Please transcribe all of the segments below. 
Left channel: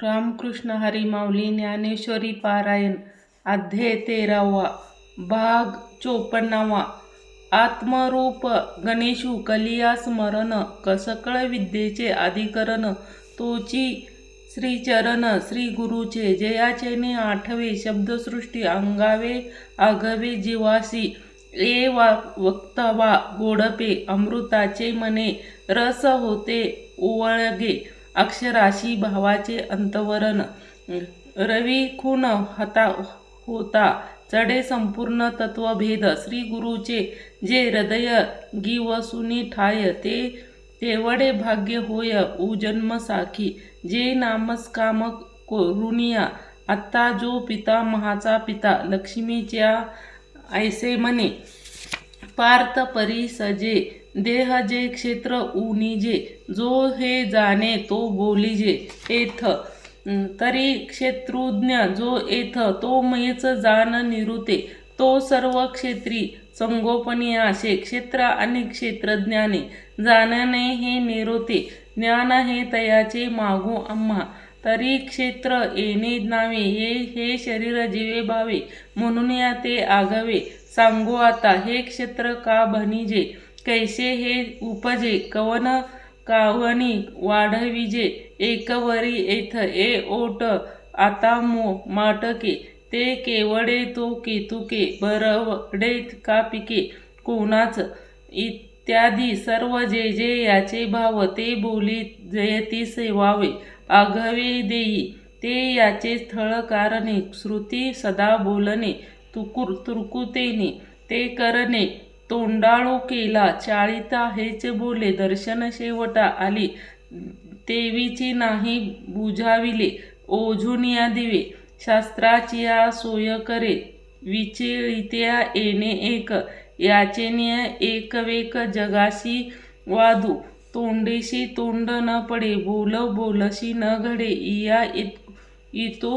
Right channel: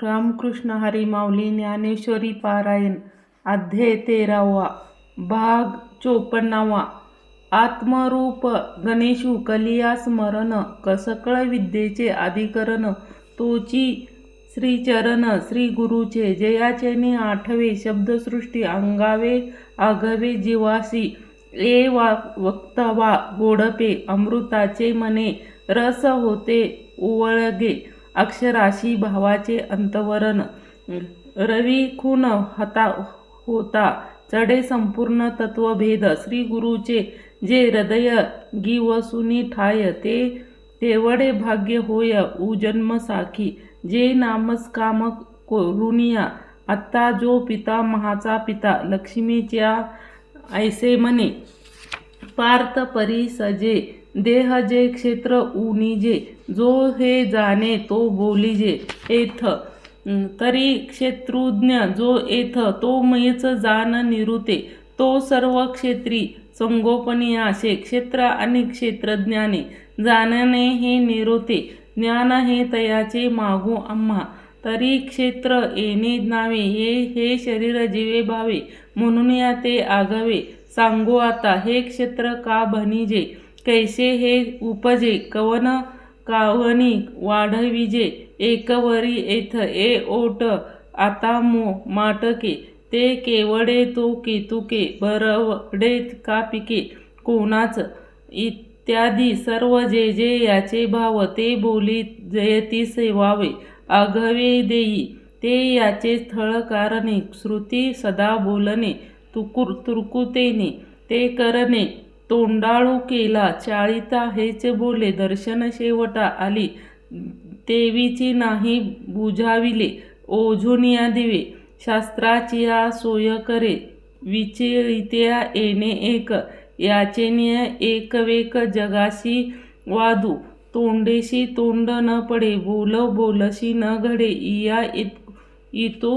रामकृष्ण हरी माऊली ज्ञानेश्वरी पारायण अध्याय 13वा भाग 54वा आत्मरूप गणेशू कलिया स्मरण सकळ विद्येचे अधिकरण तोची श्रीचरण श्री गुरुचे जयाचेने आठवे शब्दसृष्टी अंगावे आघवे जीवासी ए वक्तवा गोडपे अमृताचे मने रस होते ओवळगे अक्षराशी भावाचे अंतवरण रवी खून होता चढे संपूर्ण तत्वभेद श्री गुरुचे जे हृदय गिवसुनी ठाय ते तेवढे भाग्य होय उजन्म साखी जे नामस्काम करुनिया आत्ता जो पिता महाचा पिता लक्ष्मीच्या ऐसे म्हणे पार्थ परी सजे देह जे क्षेत्र उनिजे जो हे जाणे तो बोलिजे एथ तरी क्षेत्रुज्ञ जो एथ तो मीच जाण निरुते तो सर्व क्षेत्री संगोपनी आशे क्षेत्र आणि क्षेत्रज्ञाने जाणणे हे निरुते ज्ञान हे तयाचे मागू आम्हा तरी क्षेत्र येणे नावे हे शरीर जीवे भावे म्हणून या ते आगावे सांगू आता हे क्षेत्र का बनिजे कैसे हे उपजे कवन कावनी वाढविजे एकवरी एथ ए ओट आता माटके ते केवडे तो केतुके बरवडे का पिके कोणाच इत्यादी सर्व जे जे याचे भाव ते बोली जयती सेवावे आघवे देई ते याचे स्थळ कारणे श्रुती सदा बोलणे तुर्कुतेने ते करणे तोंडाळू केला चाळीता हेच बोले दर्शन शेवटा आली तेवीची नाही बुझाविले ओझुनिया दिवे शास्त्राचिया सोय करे विचिळित्या येणे एक याचेनिय एकवेक जगाशी वादू तोंडेशी तोंड न पडे बोलशी न घडे इया इतो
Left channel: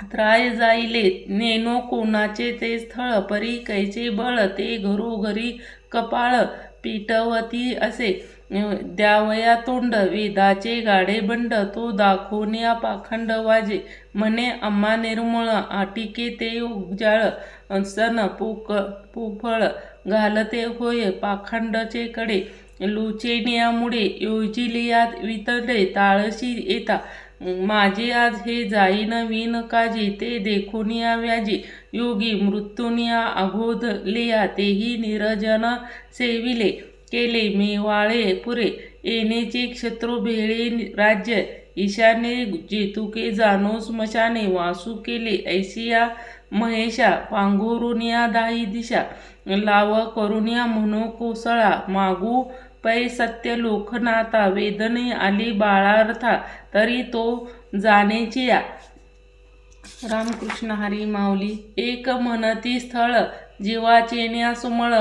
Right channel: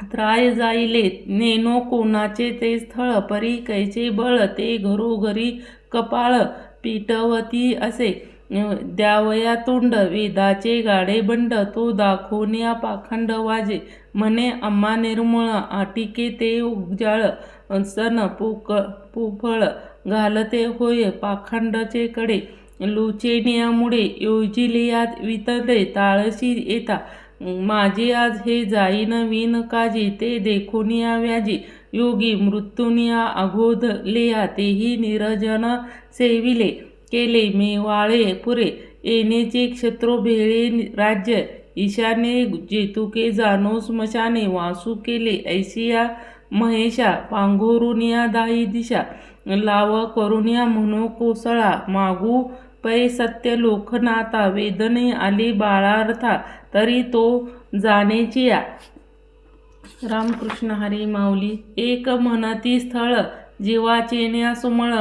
त्राय जाईले नेनो कोणाचे ते स्थळ परी कैचे बळ ते घरोघरी कपाळ पिटवती असे द्यावया तोंड वेदाचे गाडे बंड तो दाखवण्या पाखंड वाजे म्हणे अम्मा निर्मळ आटिके ते उजाळ सन पोफळ घालते होय पाखंडचे कडे लुचेनियामुळे योजिलियात वितळे ताळशी येता माझे आज हे जाईन विन काजी ते देखोनिया व्याजी योगी मृत्यूनिया अगोधलिया तेही निरजन सेविले केले मेवाळे पुरे येणेचे क्षत्रो भेळे राज्य ईशाने जेतुके जाणो स्मशाने वासू केले ऐसिया महेशा पांघोरुनिया दाही दिशा लाव करुनिया म्हणो कोसळा मागू पै सत्य लोकनाथा वेदने आली बाळार्था तरी तो जाणेचिया रामकृष्ण हरी माऊली एक म्हणती स्थळ जीवाचेन्या सुमळ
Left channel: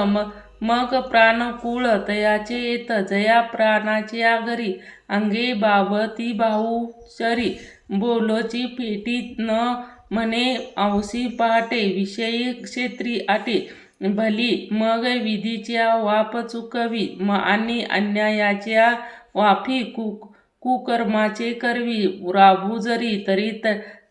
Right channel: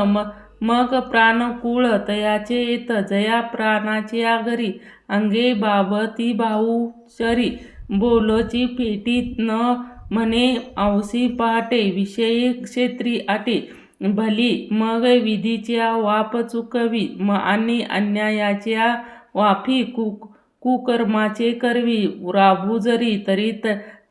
मग प्राणकुळ तयाचे येत जया प्राणाच्या घरी अंगे बाबती भाऊ शरी बोलची पेटी न म्हणे औसी पहाटे विषयी क्षेत्री आटे भली मग विधीच्या वाप चुकवी आणि अन्यायाच्या वाफी कुकर्माचे करवी राबू जरी तरी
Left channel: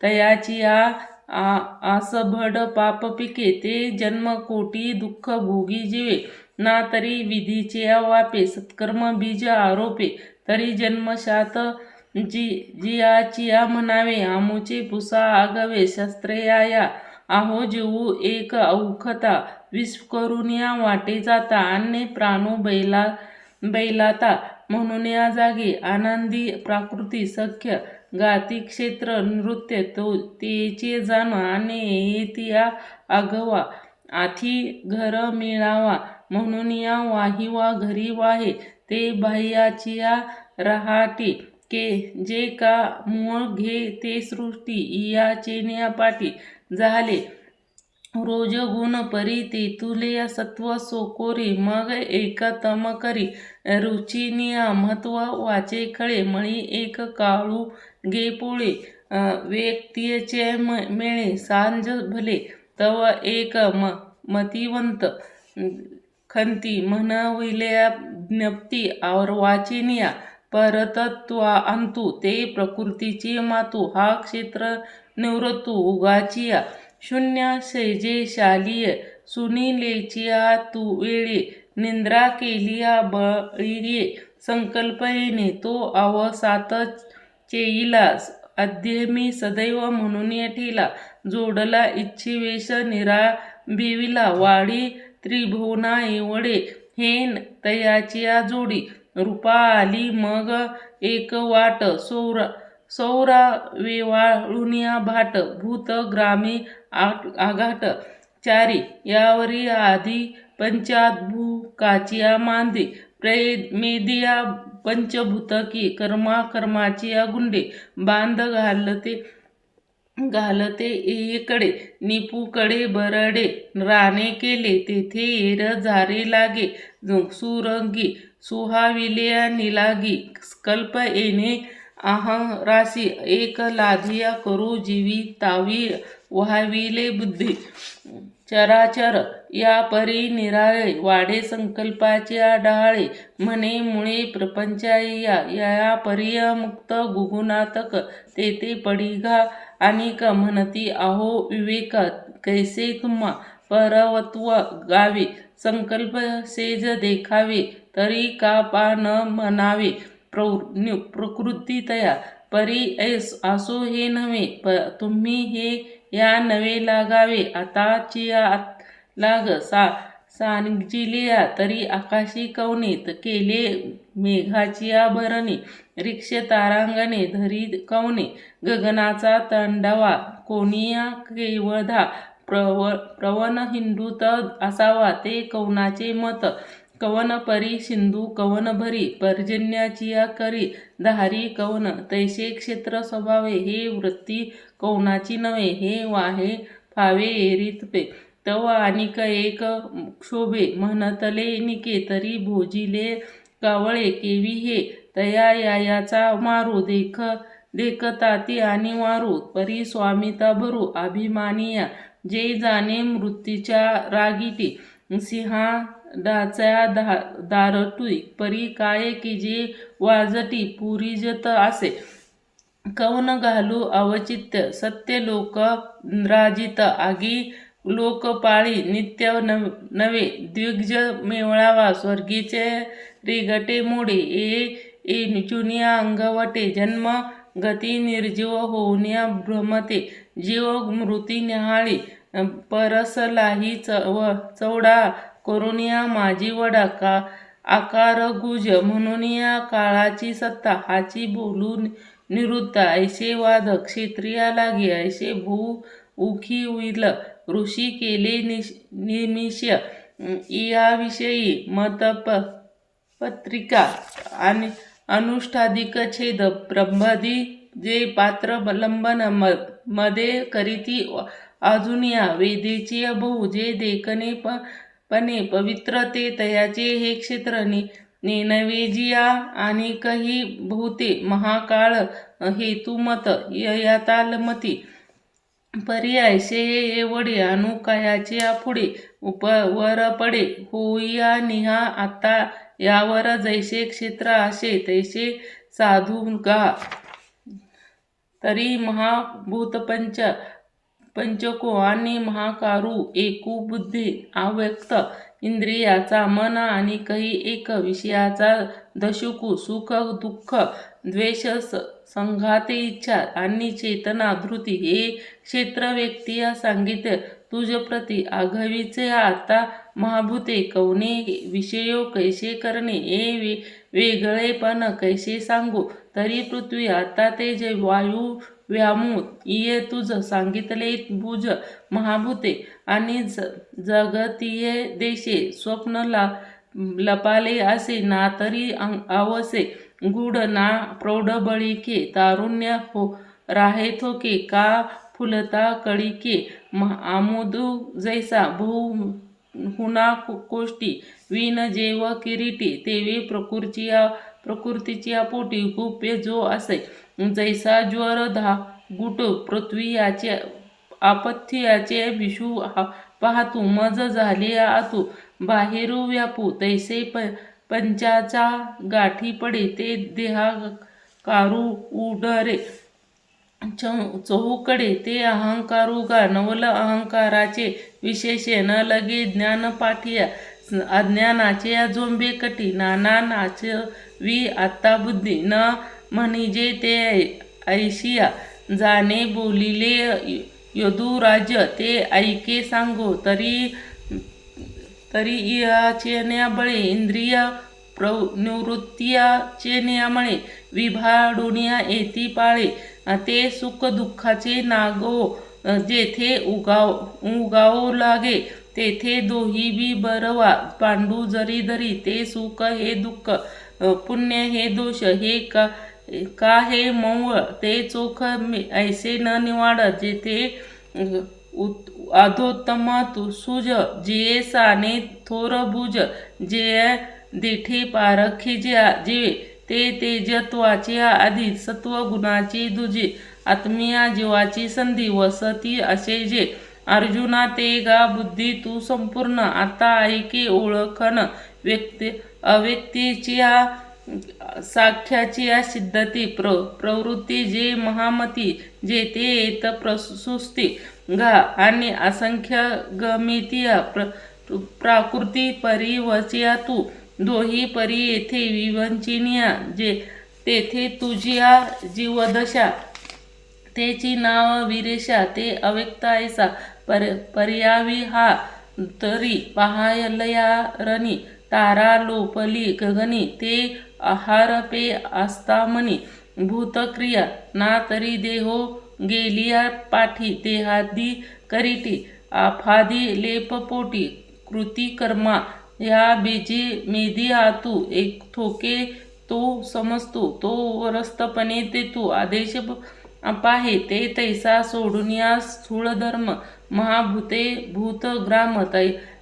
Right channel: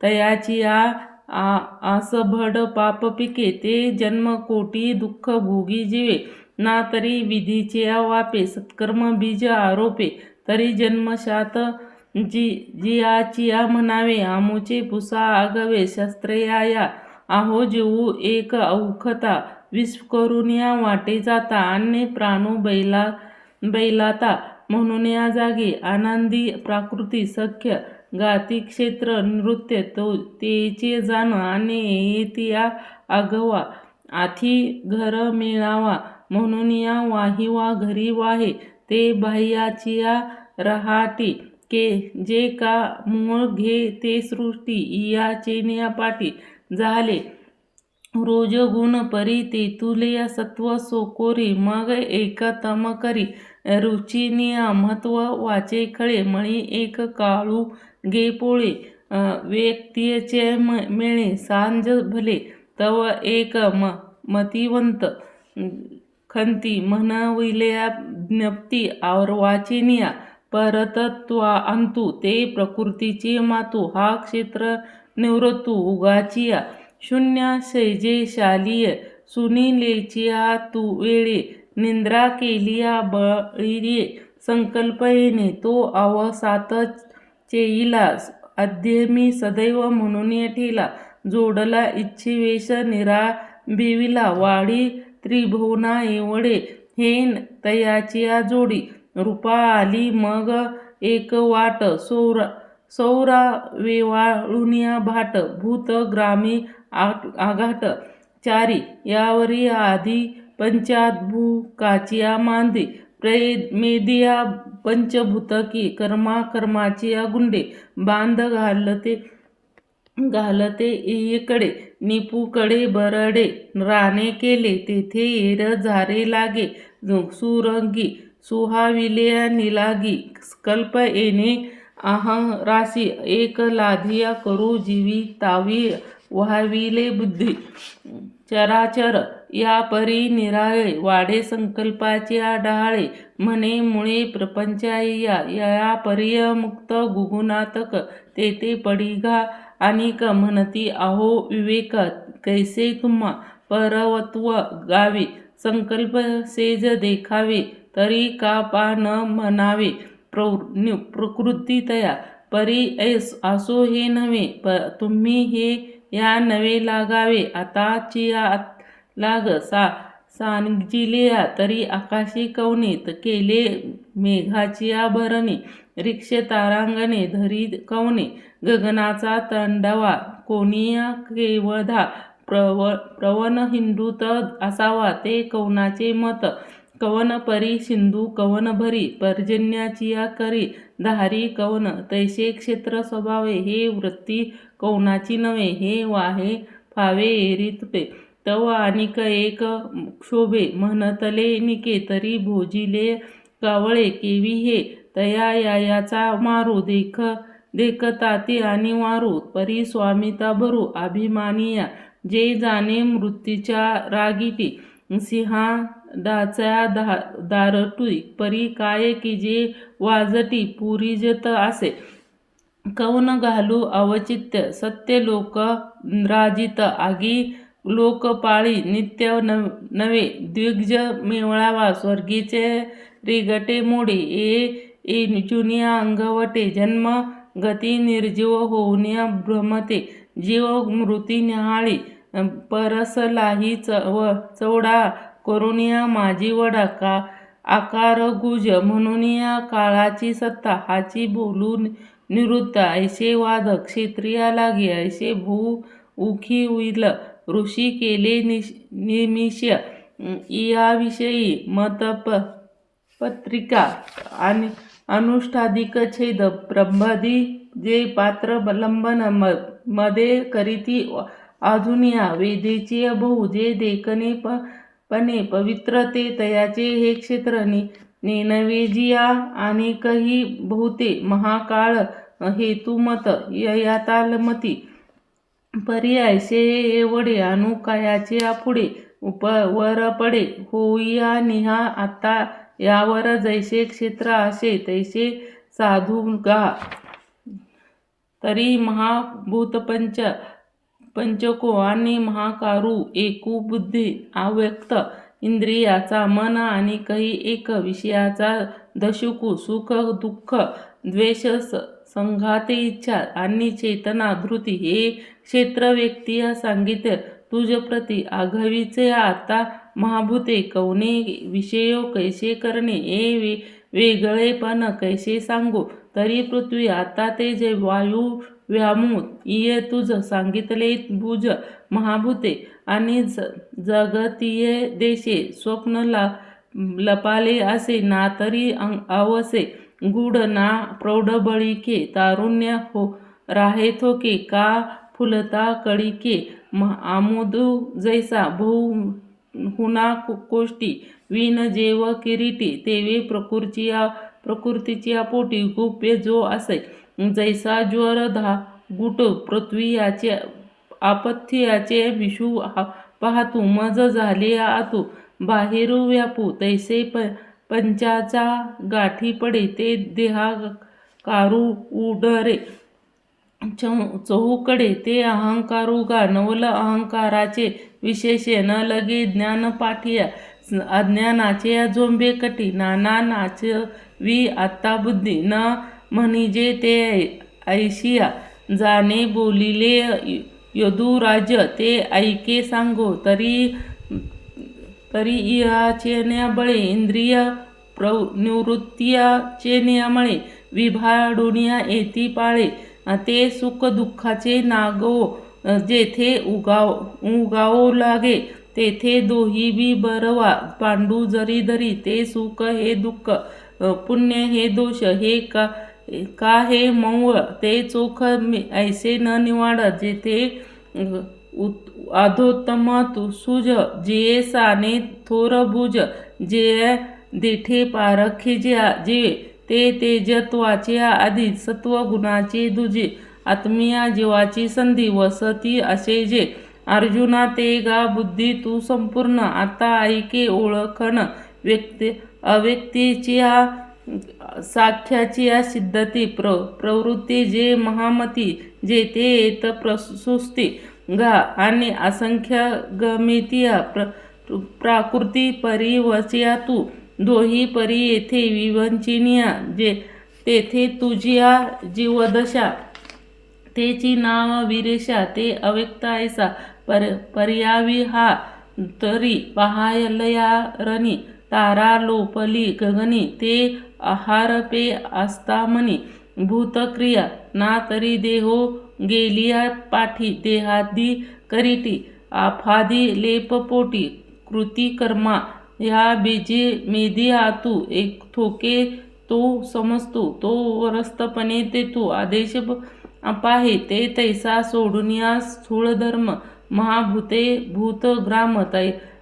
तयाची आसभड पाप पिके ते जन्म कोटी दुःख भोगी जीवे ना तरी विधीचे वापे सत्कर्म बीज आरोपे तरी जन्मशात जियाचिया म्हणावे आमुचे पुसा आगवे शस्त्रया आहो जीवू एक औखता विष करून या वाटे जाता अन्य प्राणू बैलाता म्हणून या जागी आनंदी प्राकृती सख्य गाती क्षेत्र नृत्य तेचे जाण आणि येतिया आगवा आथी घर मिळावा म्हणून या वाहिवा घरी वाहे ते बाह्याचिया रहाटी के जे का मूळ घे ते सृष्टी इया चेन्या पाटी झाले रोज गुण परी तेतुले सत्व सोकोरी मग एकतम करी रुचिनिया महत्व वाचे खळे मळी एक काळू गे पोळे व्यक्तीचे मेळे सांज भले तव एक मतिवंत खंती म्हणविल्या ज्ञप्ती वाचिनिया परतत्वा अंतु ते प्रकृतीचे मातू हा क्षेत्र निवृत्तू उगाचिया शून्य सैजे शालीय सुनीलेचिया तू वेळे निंद्रा केलिया बळीये संकल्प येणे तो अवसातच चेईला अध्यमी सदैव म्हणून ठेला जोडला इच्छिवेश निराबिविला वाडी त्रिभुवना एवढे हे तयाचिया जोडी रूपा आली मग एक वाट सौरा वेवाळुनिया भाट भूत ग्रामी आघाट चारी यावरी आधी पंचाद्भुकाचिया मांदी मेदिया पंचभूतकी कर्माची गुंडे बांध घालते एकडे निपूकडे बरडे राणे केले तेथे एर झारे लागे सुरंगी सुहाविले निलागी कल्प येणे राशी एक लाधिया करू जीवी तावी व्हाविले बुद्धी चराचर या परी निराळे वाडे संकल्पाचे डहाळे म्हणे मुळे प्रपंचाया या परी मुक्त गुगुणातक तेथे पडिघा अनेक म्हणती अहो विवेक कैसे तुम्हा परवत्व गावे संकल्प सेज देखावे तरी का पा न म्हणावे प्रकृती तया परी असो हे नव्हे तुम्ही हे या नवे लागावे आताचिया लाग सांगिलिया तरी आकाशी कवनीत केले मेघाचिया भरणी रिक्षे तारांगणे धरी कवने गगनाचा तंडावा कोणिया केवधा प्रवन हिंदूत असावा ते कवनाचे मत कवन परी सिंधू कवन भरी पर्जन्याचिया करी धारी कवन तैसे क्षेत्र स्वभावे हे वृत्ती कवनाची नव्हे हे वाहे फावे एरी तुटे तव आणिक एक क्षोभे म्हणतले निके तरी भोजिले कावळे केवी हे तया याचा मारू देखताती आणि वारू परी स्वामिता भरू अभिमानिया जे जाणे मृत्यूच्या रागीटी सिंहाडाच्या दारटुई परी काय की जे वाजटी पुरीजत असे कवन घालू अवचित्य सत्य लोक राजित आगी लोकपाळी नित्य नवे द्विज मेवळावा स्वर्गीचे रेगटे मोडे ए जुनिया अंगवटे जन्म गती निर्जीव होऊन्या भ्रमते जीव मृती न्याहाळी परसलाही चवडा करुनिया माझी वडा का आकार गुज म्हणून या काळाची सत्ता हाची बोलू निवृत्त ऐसे वाद क्षेत्रिया लागे ऐसे भू उखी उईल ऋषी केले निमिष याविषयी मतपत्रिका आणि अनुष्ठाधिक छेद प्रबंधी जे पात्र लंबन मध्ये करीती अजूनिया वेदेची बहु जे देखणे पणे पवित्र ते तयाचे हे क्षेत्र नेनवेजिया आणि काही बहुते महाकाळ हेतुमत यतालमती पर्यायसे एवढे अनुकायाचे पुढे वर पडे होईया निहा आता यावर जैसे क्षेत्र असे तैसे साधू गा तरी पंचको आणि महाकारू एकू बुद्धी अव्यक्त इंद्रियाचा मन आणि काही एक विषयाचा दशुकू सुख दुःख द्वेष संघाते इच्छा आणि चेतना धृती हे क्षेत्र व्यक्ती सांगितले तुझ प्रती आघवीचे आता महाभूते कवने विषयो कैसे करणे हे वेगळेपण कैसे सांगू तरी पृथ्वी आता तेज वायू व्यामू ये तुझ सांगितले भुज महाभूते आणि जगतीय देशे स्वप्न लपाले असे ना तरी अवसे गूढ ना प्रौढबळीके तारुण्य हो राहेथोके का फुलता कळीके आमोदू जैसा बहु हुना कोष्टी विन जेव किरीटी तेवे प्रकृतीची पोटी गुप्य जो असे जैसा ज्वर गुट पृथ्वी याचे आपत्ती याचे विषू पाहतू मज झाले आतू बाहेरू व्यापू तैसे पंचाचा गाठी पडे ते देहा कारू उडरे चहूकडे ते अहंकारू गा नवल अहंकाराचे विशेषे न लगे ज्ञान पाठिया अज्ञानाचे झोंबे कटी नाना नाचवी आता बुद्धी न म्हणजे ते ऐशिया जाणे बोलिले यदुराज ते ऐके सांगो तरी इहाचे बळे इंद्रिय निवृत्तीचे नियमळे विभाडुनिया येती पाळे ते सुख दुःखाचे नागो जेथे उगावो लागे तेथे दोही बी बरवा पांडू जरी धरी ते सुख हे दुःख पुण्य हे दोष हे का हे मौळ ते चोख ऐसे न निवाड जेथे अधोत्तम सुज जे साने थोर भुज जे देठे पारखे जीवे ते तेजत्वाचे आधी सत्व गुणाचे दुजे आत्मीया जीवाची संधी वसती असे जे अर्जुना ते गा बुद्धी तू संपूर्ण आता ऐके ओळखन अव्यक्तीच्या साख्याची सिद्धती प्रवृत्ती जे महामती जे ते येत प्रसुस्ती गा आणि असंख्य गमितिया प्राकृती परिवचिया तू दोही परी येथे विवंचिनिया जे तेथे तुझिया जीवदशा तेची नाव विरेशा ते अव्यक्त ऐसा पर्यावी हा तरी पहायलया रणी तारा लोपली गगनी ते आहारपे आस्तामनी भूतक्रिया ना तरी देहो गेलिया पाठी देहादी करीटी आफादी लेपपोटी कृती कर्मा या बीजी मेधी आतू एक थोके तो समजतो तो वरस्तपणे ते तू आदेश पाहे ते तैसा सोडून या स्थूळ धर्म महाभूते भूतग्राम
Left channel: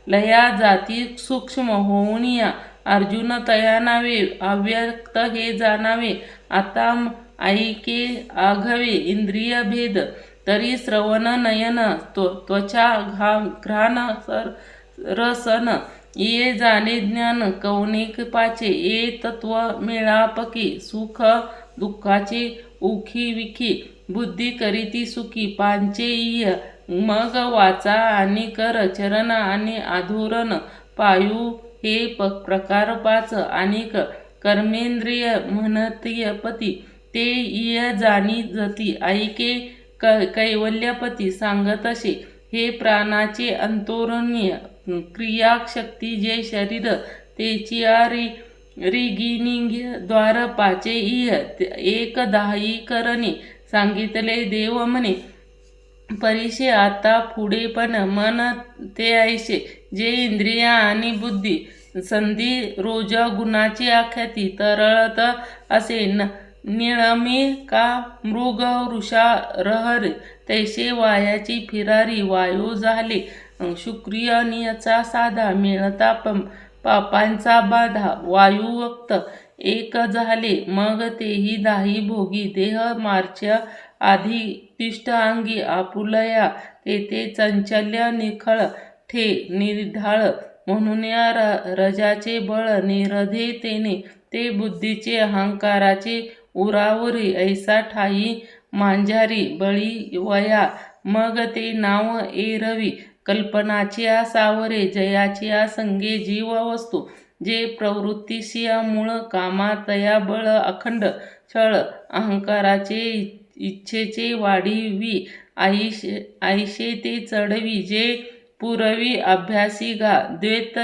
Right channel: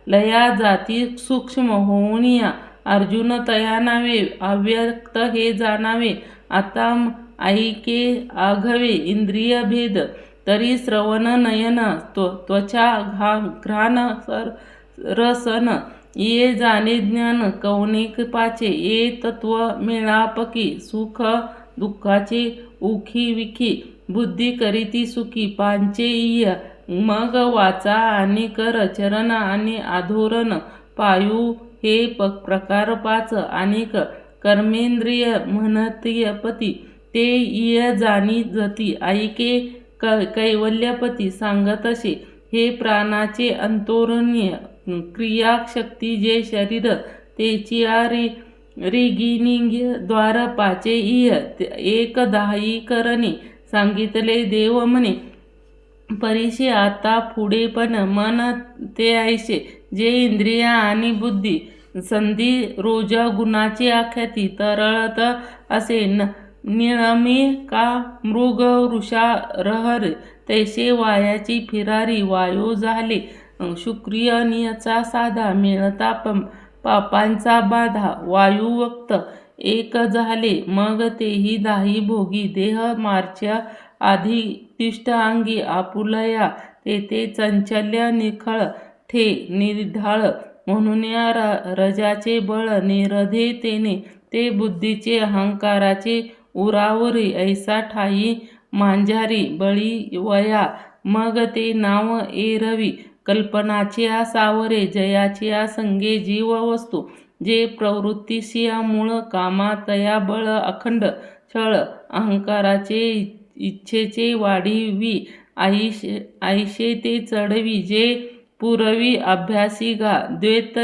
लया जाती सूक्ष्म होऊन या अर्जुन तया नावे अव्यक्त हे जाणावे आता ऐके आघवे इंद्रिय भेद तरी श्रवण नयन त्वचा घ्राण रसन ये जाणे ज्ञान कौणिक पाचे ये तत्व मिळापकी सुख दुःखाचे उखी विखी बुद्धी करीती सुखी पांचे इय मग वाचा आणि कर चरण आणि आधोरण पायू हे प्रकार पाच अनेक कर्मेंद्रिय म्हणतीयपती ते इय जाणी जती ऐके कैवल्यपती सांगत असे हे प्राणाचे अंतोरण्य क्रियाशक्ती जे शरीर तेची रिगिनिंग द्वार पाचे इय एक दाही करणे सांगितले देव म्हणे परिशे आता पुढे पण मन ते ऐसे जे इंद्रिया आणि बुद्धी संधी रोज गुणाचे आख्याती तरळत असे निळमी का मृग वृषा रहर तैसे वायाची फिरारी वायू झाले शुक्रियनियचा साधा मिळता पापांचा बाधा वायुवक्त एक झाले मग तेही दाही भोगी देह मार्च्या आधी तिष्ठ अंगी आपुलया तेथे चंचल्य निखळ ठे निर्ढाळ म्हणून या रजाचे बळ निरधे तेने ते बुद्धीचे अहंकाराचे उरावरी ऐसा ठाई मांझारी बळी वया मग ते नाव एरवी कल्पनाच्या सावरे जयाच्या संगे जीव वस्तू जे प्रवृत्तीशिया मूळ कामा तया बळ अखंड छळ अहंकाराचे इच्छेचे वाढीवी आईशे ते चढवी जे पुरवी अभ्यासी गा द्वैत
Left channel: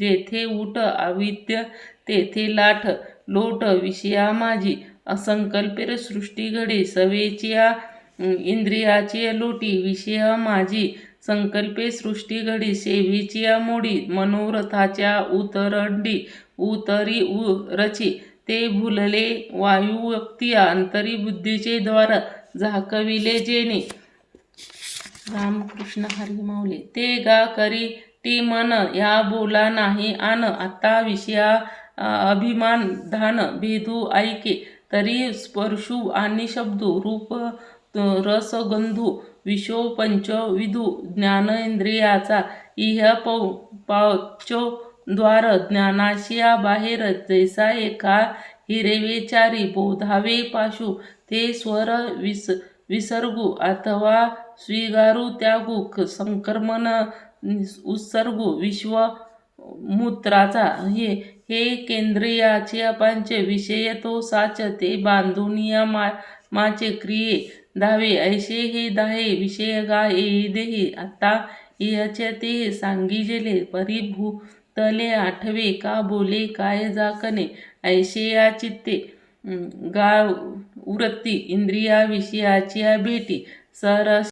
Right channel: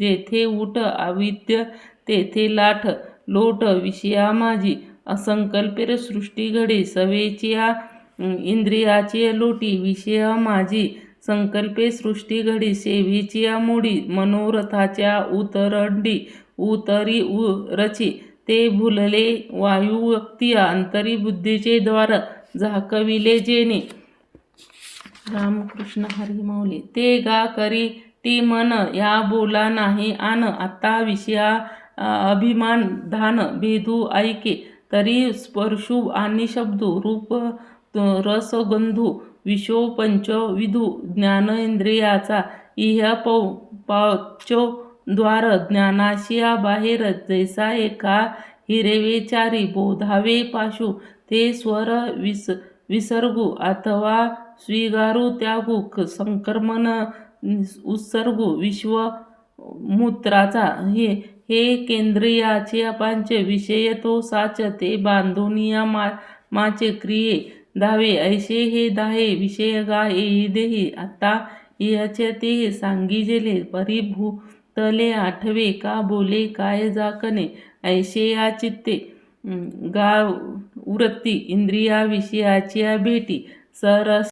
जेथे उठ अविद्य तेथे लाठ लोट विषया माझी असंकल्पेर सृष्टी घडे सवेच्या इंद्रियाची लोटी विषया माझी संकल्पे सृष्टी घडी सेवीची मोडी मनोरथाच्या उतरंडी उतरी रची ते भुलले वायू व्यक्ती अंतरी बुद्धीचे द्वार झाकविले जेणे रामकृष्ण हरी माऊली ते गा करी टी मन या बोला नाही आन आता विषया अभिमान धान भेदू ऐके तरी स्पर्शू आणि शब्दू रूप रसगंधू विशो पंच विधू ज्ञानेंद्रियाचा इह पावचो द्वार ज्ञानाशिया बाहेर जैसा एका हिरवेचारी बोधावे पाशु ते स्वर विसर्गू अथवा स्वीगारू त्यागू संक्रमण उत्सर्गू विश्वमूत्राचा हे केंद्रियाचे पंच विषय तो साच ते बांधुनिया माचे क्रिये धावे ऐसे हे दाहे विषय गा येई आता याचे ते सांगिजेले परिभूतले आठवे का बोले काय जाकणे ऐसे या चित्ते गा वृत्ती इंद्रिया विषयाच्या भेटी सरस